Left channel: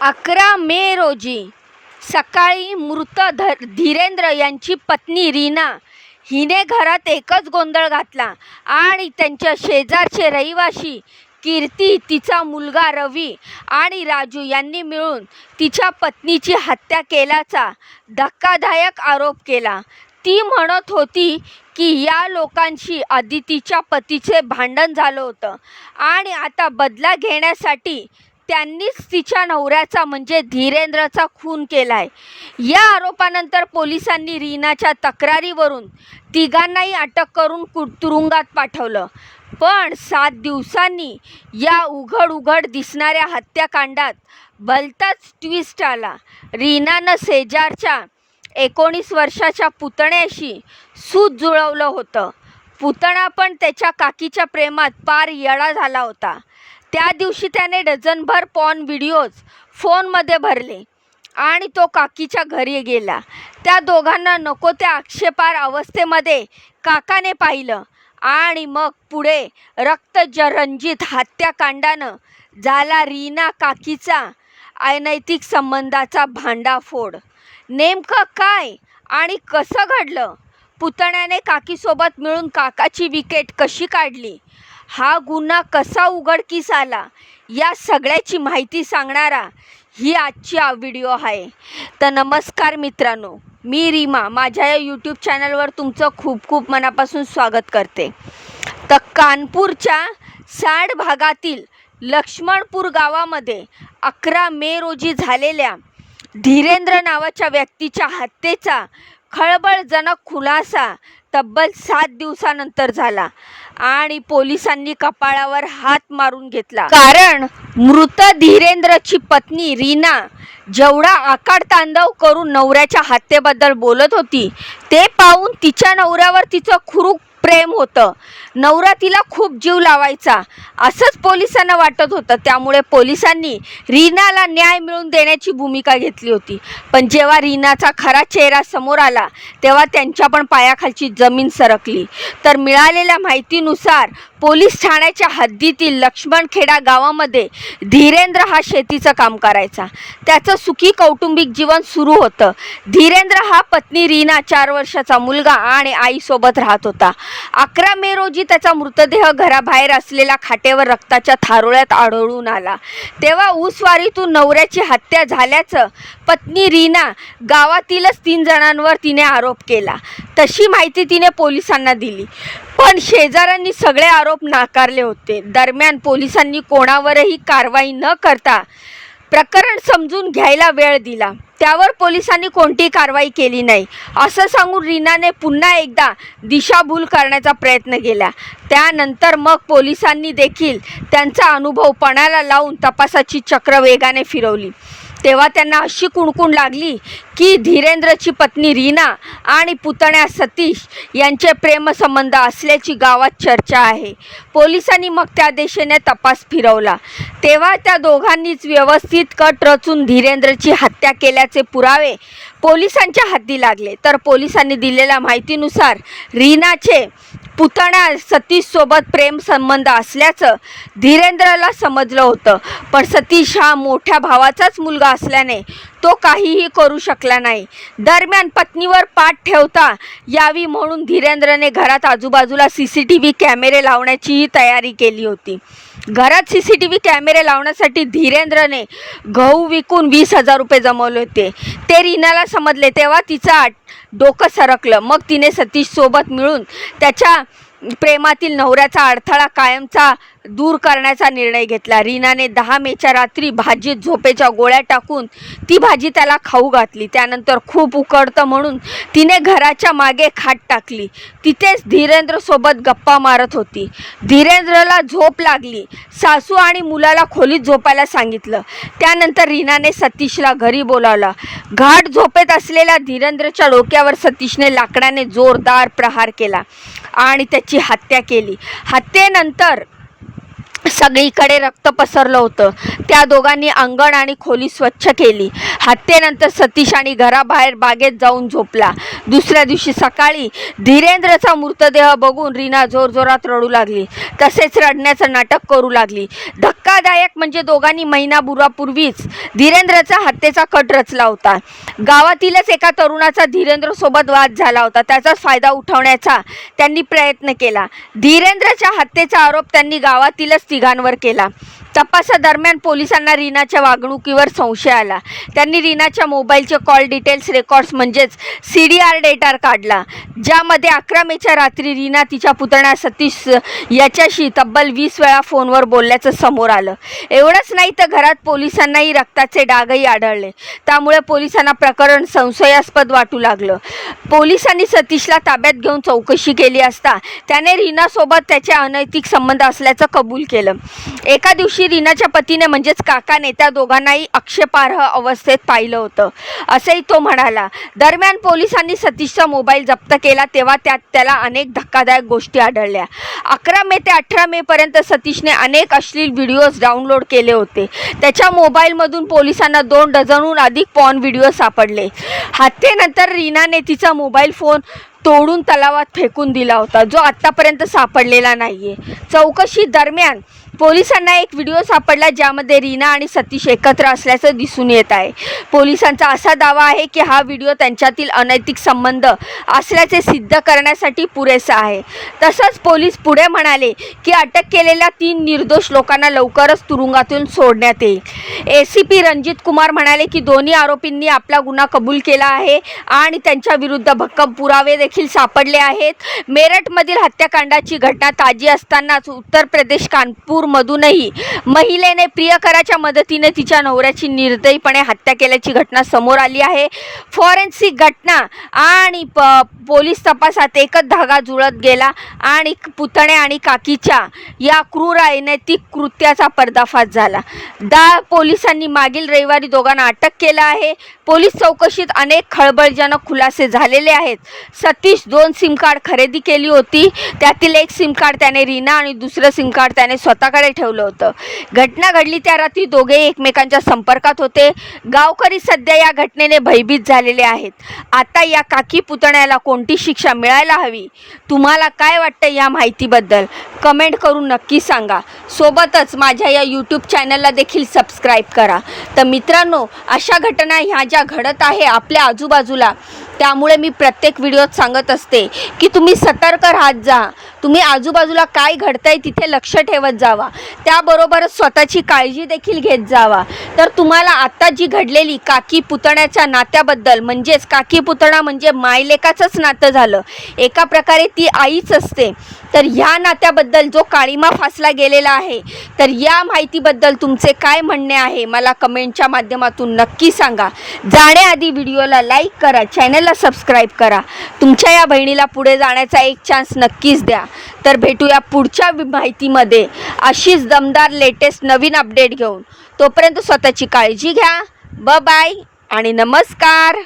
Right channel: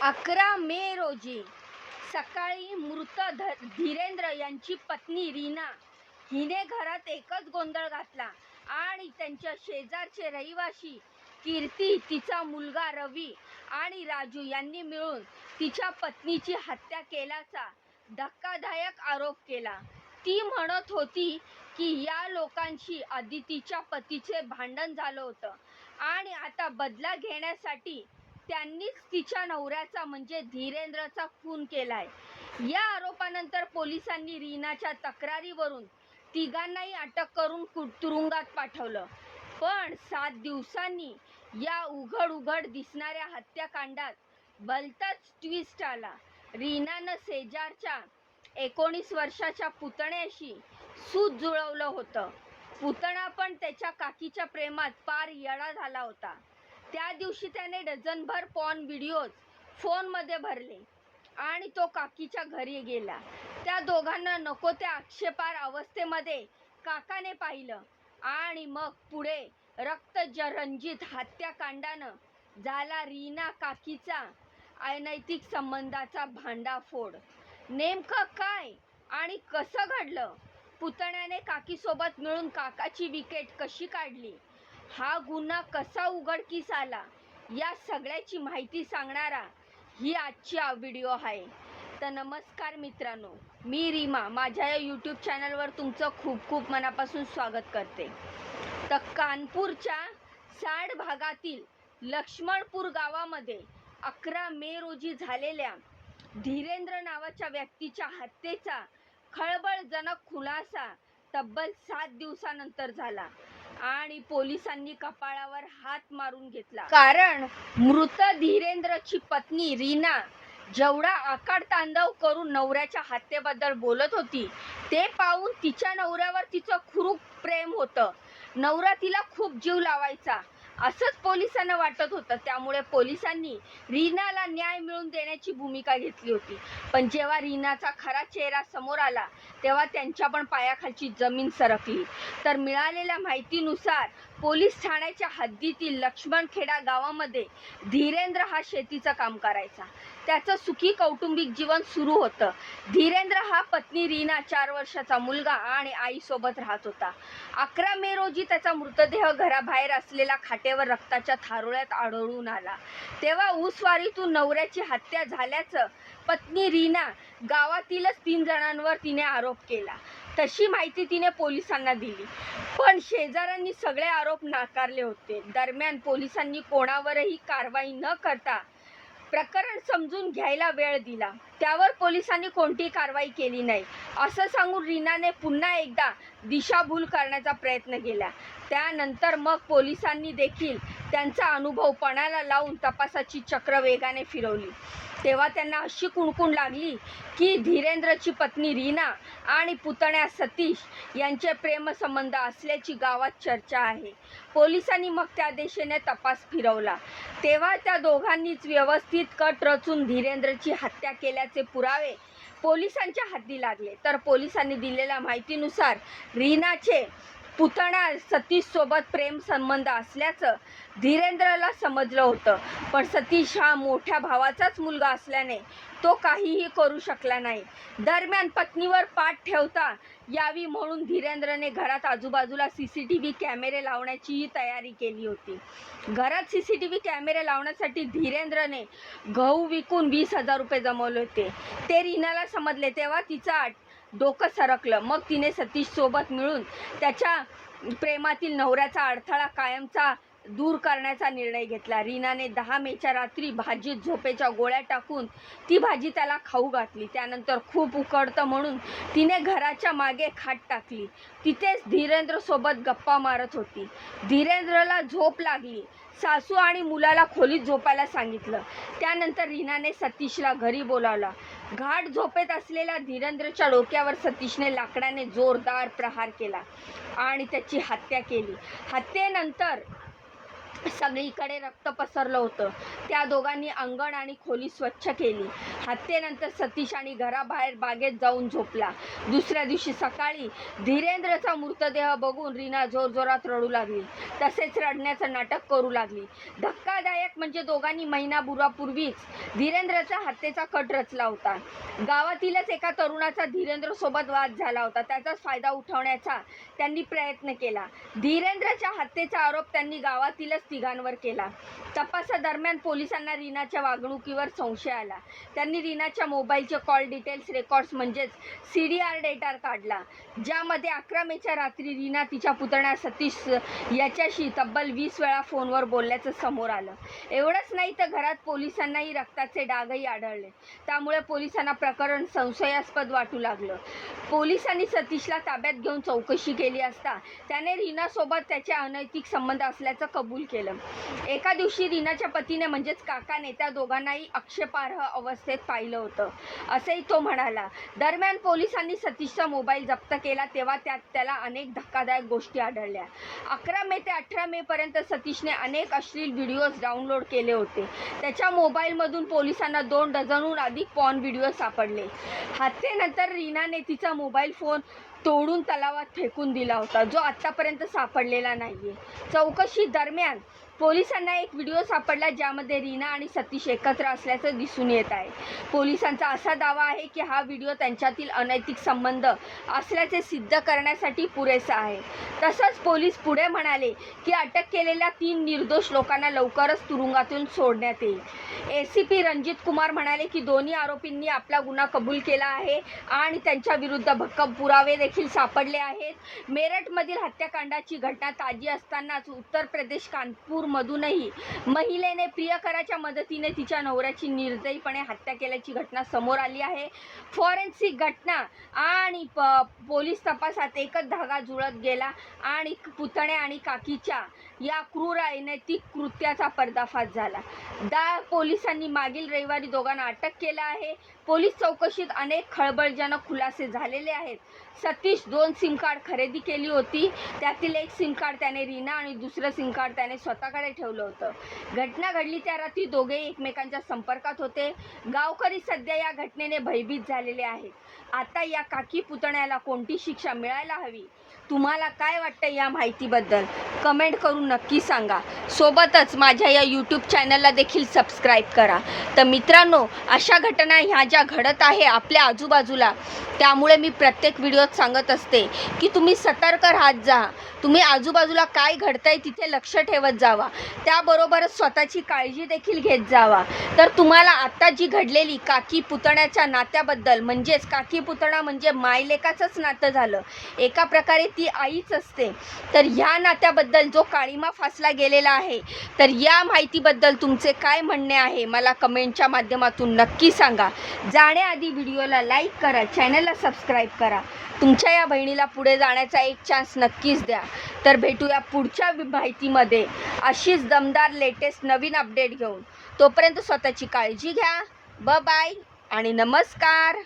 अकरा मे रोजी सकाळी मृत धर धीरेंद्र यांची पत्नी रीना हिने घरात एकच गोंधळ घातला आणि त्यांच्या शेजारचे रहिवाशी कीर्ती तिचा मुलगा रवी आणि राजू यांनी मिळून तिच्या पत्नीची हत्या केल्याचा धक्कादायक आरोप केला. ती म्हणत होती की या लोकांशी आदितीच्या पतीचे भांडण झालं होतं आणि आता बदला घेण्यासाठी त्यांनीच तिच्या नवऱ्याचा म्हणजे धीरेंद्रचा खून केलाय. या आरोपानंतर पोलिसांनी रीनाच्या तक्रारीवरून तिघांनाही अटक करून कु तुरुंगात पाठवलं. पण सात दिवसांनी या उघड उघड दिसणाऱ्या हत्याकांडात भलताच ट्विस्ट आला. रीनानं शेजारच्या एकोणीस वर्षाच्या पुतण्याशी सूत जुळवलं होतं. पुतणा पण त्याच्या काकीच्या प्रेमात पार येळा झाला होता. त्या दिवशी त्याने डझनभर पॉन व्हिडिओज फोनमध्ये भरले आणि तो काकीच्या घरी गेला. त्या दोघांना नको त्या आक्षेपार अवस्थेमध्ये काकाने पाहिलं आणि मग पुढे रक्तजरंजित हत्याकांडानं झाला रीना काकीचा अनैतिक संबंधाचा भांडाफोड. नेमकं काय आणि कसं घडलं? पुतण्याने काकीसोबत मिळून काकाची विकेट कशी काढली? हा गुन्हा कसा उघडकीस आला या सगळ्याची माहिती सांगणारा ही आजची व्हिडिओ आहे. तर नमस्कार मित्रांनो मी रीमा माझ्या या यूट्यूब चॅनलवर तुमचं खूप खूप मनापासून स्वागत करते. तर कानपूरच्या साड भागातील लक्ष्मणपूर गावामध्ये अकरा मे रोजी झालेल्या धीरेंद्र नावाच्या व्यक्तीच्या हत्येचा खळबळजनक खुलासा तब्बल सात दिवसानंतर झाला आणि पोलिसांनी कपाळावर हात मारून घेतला. कारण मृत धीरेंद्रची पत्नी रीना जेवढा आकाड तांडव करून नवऱ्याच्या हत्येबद्दल बोलत होती ते पाहून तिच्या नवऱ्यावर तिचं खुरूप प्रेम होतं. नवरा तिला खूप जीव लावायचा. असंच पोलिसांना वाटत होतं. त्यामुळे पोलिसांनी रीनाला न्याय मिळवून देण्याची भूमिका घेतली होती. पण जेव्हा रीनाचा खरा चेहरा समोर आला तेव्हा त्यांच्या पण पायाखालची जमीन सरकली. तर मिळालेल्या माहितीनुसार पोलीस ठाण्याच्या हद्दीतील लक्ष्मणखेडा गावामध्ये धीरेंद्र हा शेतीचं काम करायचा. त्याचं सुखी कौटुंबिक जीवन सुरू होतं. धीरेंद्र हा पत्नी रीना चार वर्षाचा मुलगा आणि आईसोबत राहत होता. अकरा मे रोजी त्याचा मृतदेह घराबाहेर असलेल्या खाटेवर रक्ताच्या थारोळ्यात आढळून आला. तेव्हा ऊसवारीतून नवऱ्याची हत्या झाल्याचं पत्नी रीना गावातीलच तीन जणांवर तिने आरोप केला. तशी माहिती तिने पोलिसांना दिली. पण शेजाऱ्यांनी सगळे आरोप नाकारले होते. दरम्यान पोलिसांनी कोणावरही कारवाई न करता प्रकरण समजून घ्यायला वेळ दिला. त्यावर पोलिसांनी कोणतीही कारवाई केली नाही. असं सांगून रीनाने पुन्हा एकदा दिशाभूल करण्याचा प्रयत्न केला. त्यानंतर मग पोलिसांनी देखील त्यांचा अनुभव पणाला लावून तपासाची चक्र वेगाने फिरवली. तेव्हा त्यांना अशी कुणकुण लागली की धीरेंद्रची पत्नी रीना आणि पुतण्या सतीश यांचे प्रेमसंबंध असल्याची गावात चर्चा आहे. पोलिसांनी मग त्या दिशेने तपास फिरवला. तेव्हा त्या दोघांनीच व्यवस्थित कट रचून धीरेंद्रची हत्या केल्याचे पुरावे पोलिसांच्या हाती लागले. तर पोलिसांनी दिलेल्या माहितीनुसार रीनाचे पुतण्या सतीशसोबत प्रेम संबंध असल्याचं धीरेंद्रला समजलं होतं. पण सतीश हा मोठ्या भावाचाच मुलगा असल्याने तो काहीही करू शकला नाही. दरम्यान पत्नीवर पाठ ठेवता यावी म्हणून धीरेंद्रने घरात आजूबाजूला सी सी टी व्ही कॅमेरे लावण्याचीही तयारी केली होती. घरात सी सी टी व्ही कॅमेरे लावण्यासाठी धीरेंद्रने गहू विकून वीस हजार रुपये जमवले होते. ते रीनाला समजले तेव्हा तिचं डोकं सरकलं. मग तिने सतीशसोबत मिळून त्याच्या प्रेमातील नवऱ्याचा अडथळा कायमचा दूर करण्याचा निर्णय घेतला. रीनाने दहा मेच्या रात्री भाजीत झोपेच्या गोळ्या टाकून ती भाजी त्याला खाऊ घातली. त्यानंतर खूप उकडतं म्हणून तिने घराच्या मागे खाट टाकली. तिथेच धीरेंद्रसोबत गप्पा मारत होती. धीरेंद्रला झोप लागली. सासू आणि मुलाला खोलीत झोपायला सांगितलं. त्यानंतर रीनाने सतीशला घरी बोलावला. घाट झोपेत असलेल्या धीरेंद्रच्या डोक्यावर सतीशने लाकडाने जोरदार प्रहार केला. आणि त्याची हत्या केली. हत्येनंतर सगळीकडे रक्त पसरलं होतं. त्या दोघांनी अंगण आणि खोली स्वच्छ केली. हत्येनंतर सतीश आणि घराबाहेर बागेत जाऊन झोपला. दुसऱ्या दिवशी सकाळी धीरेंद्रचा मृतदेह बघून रीना जोरजोरात रडू लागली. तसेच रडण्याचं नाटक करू लागली. धक्का धक्कादायक म्हणजे दोघांनी महिनाभरापूर्वीच धीरेंद्रचा हत्येचा कट रचला होता. गावातीलच एका तरुणाचा धीरेंद्र सोबत वाद झाला होता. त्याचाच फायदा उठवण्याचा त्यांनी प्रयत्न केला. धीरेंद्रच्या हत्येचा आरोप त्यांनी गावातीलच तिघांवर केला. तपासादरम्यान पोलिसांना रीनाच्या वागणुकीवर संशय आला. त्यांनी रीनाच्या मोबाईलचे कॉल डिटेल्स रेकॉर्ड्स म्हणजेच सी डी आर डेटा काढला. ज्यामध्ये अकरा मेच्या रात्री रीना तिच्या पुतण्या सतीश याच्याशी तब्बल वीस वेळा फोनवर बोलल्याचं समोर आलं. एवढंच नाही तर घरात पोलिसांनाही रक्ताचे डागही आढळले. त्यामुळे पोलिसांना प्रकरण संशयास्पद वाटू लागलं. पोलिसांनी सतीशला ताब्यात घेऊन चौकशी केली असता त्याने रीनासोबत त्याचे अनैतिक संबंध असल्याचं कबूल केलं. एका दिवशी रीनाच्या पतीने म्हणजेच काकाने त्या दोघांनाही आक्षेपार्ह अवस्थेत पाहिलं होतं. असंही तो म्हणाला दरम्यान पोलिसांनी सतीशचा मोबाईल जप्त केला तेव्हा त्यात त्याला अनेक धक्कादायक गोष्टी आढळल्या. अकरा मे ते अठरा मेपर्यंत सतीशने अनेक अश्लील व्हिडिओज डाउनलोड केले होते. त्याच्या मोबाईलमधून पोलिसांना दोन डझनहून अधिक पॉन व्हिडिओ सापडले. हत्येनंतर रीनाने तिचा मोबाईल फोन तोडून तलावात फेकून दिला होता जो आत्तापर्यंत सापडलेला नाहीये. चौकशी दरम्यान पोलिसांना एक व्हिडिओ सापडला ज्यामध्ये रीना आणि सतीश एकत्र असल्याचं दिसून येत आहे. पोलिसांचा असा दावा आहे की हा व्हिडिओ त्यांच्यातील अनैतिक संबंध असल्याचे सिद्ध करण्यासाठी पुरेसा आहे. तसंच पोलीस पुढे म्हणाले की अटक केलेल्या तीन निर्दोष लोकांना लवकरच तुरुंगातून सोडण्यात येईल. A C P Ranjit Kumar म्हणाले की दोन्ही आरोपींनी आपला गुन्हा कबूल केला आहे आणि त्यांच्या विरुद्ध भक्कम पुरावे देखील सापडले आहेत. मेरठमधील हत्याकांडाची घटना ताजी असतानाच उत्तर प्रदेश कानपूर मधूनही महिलेने प्रियकराच्या मदतीने तिच्या नवऱ्याची निर्दयीपणे हत्या केल्याची घटना समोर आली आहे. फॉरेन्सिक घटना आणि प पोलीस तपासात एकच धागा जुळत गेला आणि पुतणे आणि काकीच्या या क्रूर अनैतिक कृत्याचा पर्दाफाश झाला. दा पोलिसांनी मागील रविवारी दोघांना अटक केलं आहे. पोलीस चौकशीत अनेक खळबळजनक खुलासे झालेले आहेत. सतीश दोन सिम कार्ड खरेदी केली होती. त्यातील एक सिम कार्ड त्याने रीना आणि दुसरं सिम कार्ड त्याने स्वतः स्वतःकडे ठेवलं होतं. घटना घडली त्या रात्री दोघे एकमेकांच्या संपर्कात होते. गावकरी सध्या या घटनेने भयभीत झालेले आहेत. आता या काकी पुतण्याला कोणती शिक्षा मिळायला हवी? तुम्हाला काय वाटतं या माहितीबद्दल? कमेंट करून नक्की सांगा. सोबतच माझ्या या यूट्यूब चॅनलला देखील सबस्क्राईब करा. तर मित्रांनो अशा घटना ह्या ज्या घडत आहे आपल्या आजूबाजूला त्यामुळे मी प्रत्येक व्हिडिओत सांगत असते की तुम्ही सतर्क राहत जा. तुम्ही आजूबाजूला काय घडतंय तिथे लक्ष ठेवत जावा. त्याबरोबरच स्वतःची काळजी देखील घेत जावा. तर तुम्हाला आत्ता जी घडलेली काकी पुतण्याच्या नात्याबद्दल म्हणजेच काकी पुतणा म्हणजे मायलेकाचंच नातं झालं. एका प्रकारे ती आईच असते. तर ह्या नात्याबद्दल जो काळीमा फासला गेलेला आहे तर या माहितीबद्दल तुमचे काय म्हणणे आहे मला कमेंटच्या माध्यमातून नक्की सांगा. जाण्याआधी व्हिडिओला लाईक करा चॅनलला सबस्क्राईब करा. तुमच्या या बहिणीला पुढे जाण्याचा एक चान्स नक्कीच द्या. तर भेटूया पुढच्या माहितीमध्ये. अशीच दमदार लेटेस्ट नवीन अपडेट घेऊन. तोपर्यंत स्वतःची काळजी घ्या. ब बाय आणि नमस्कार.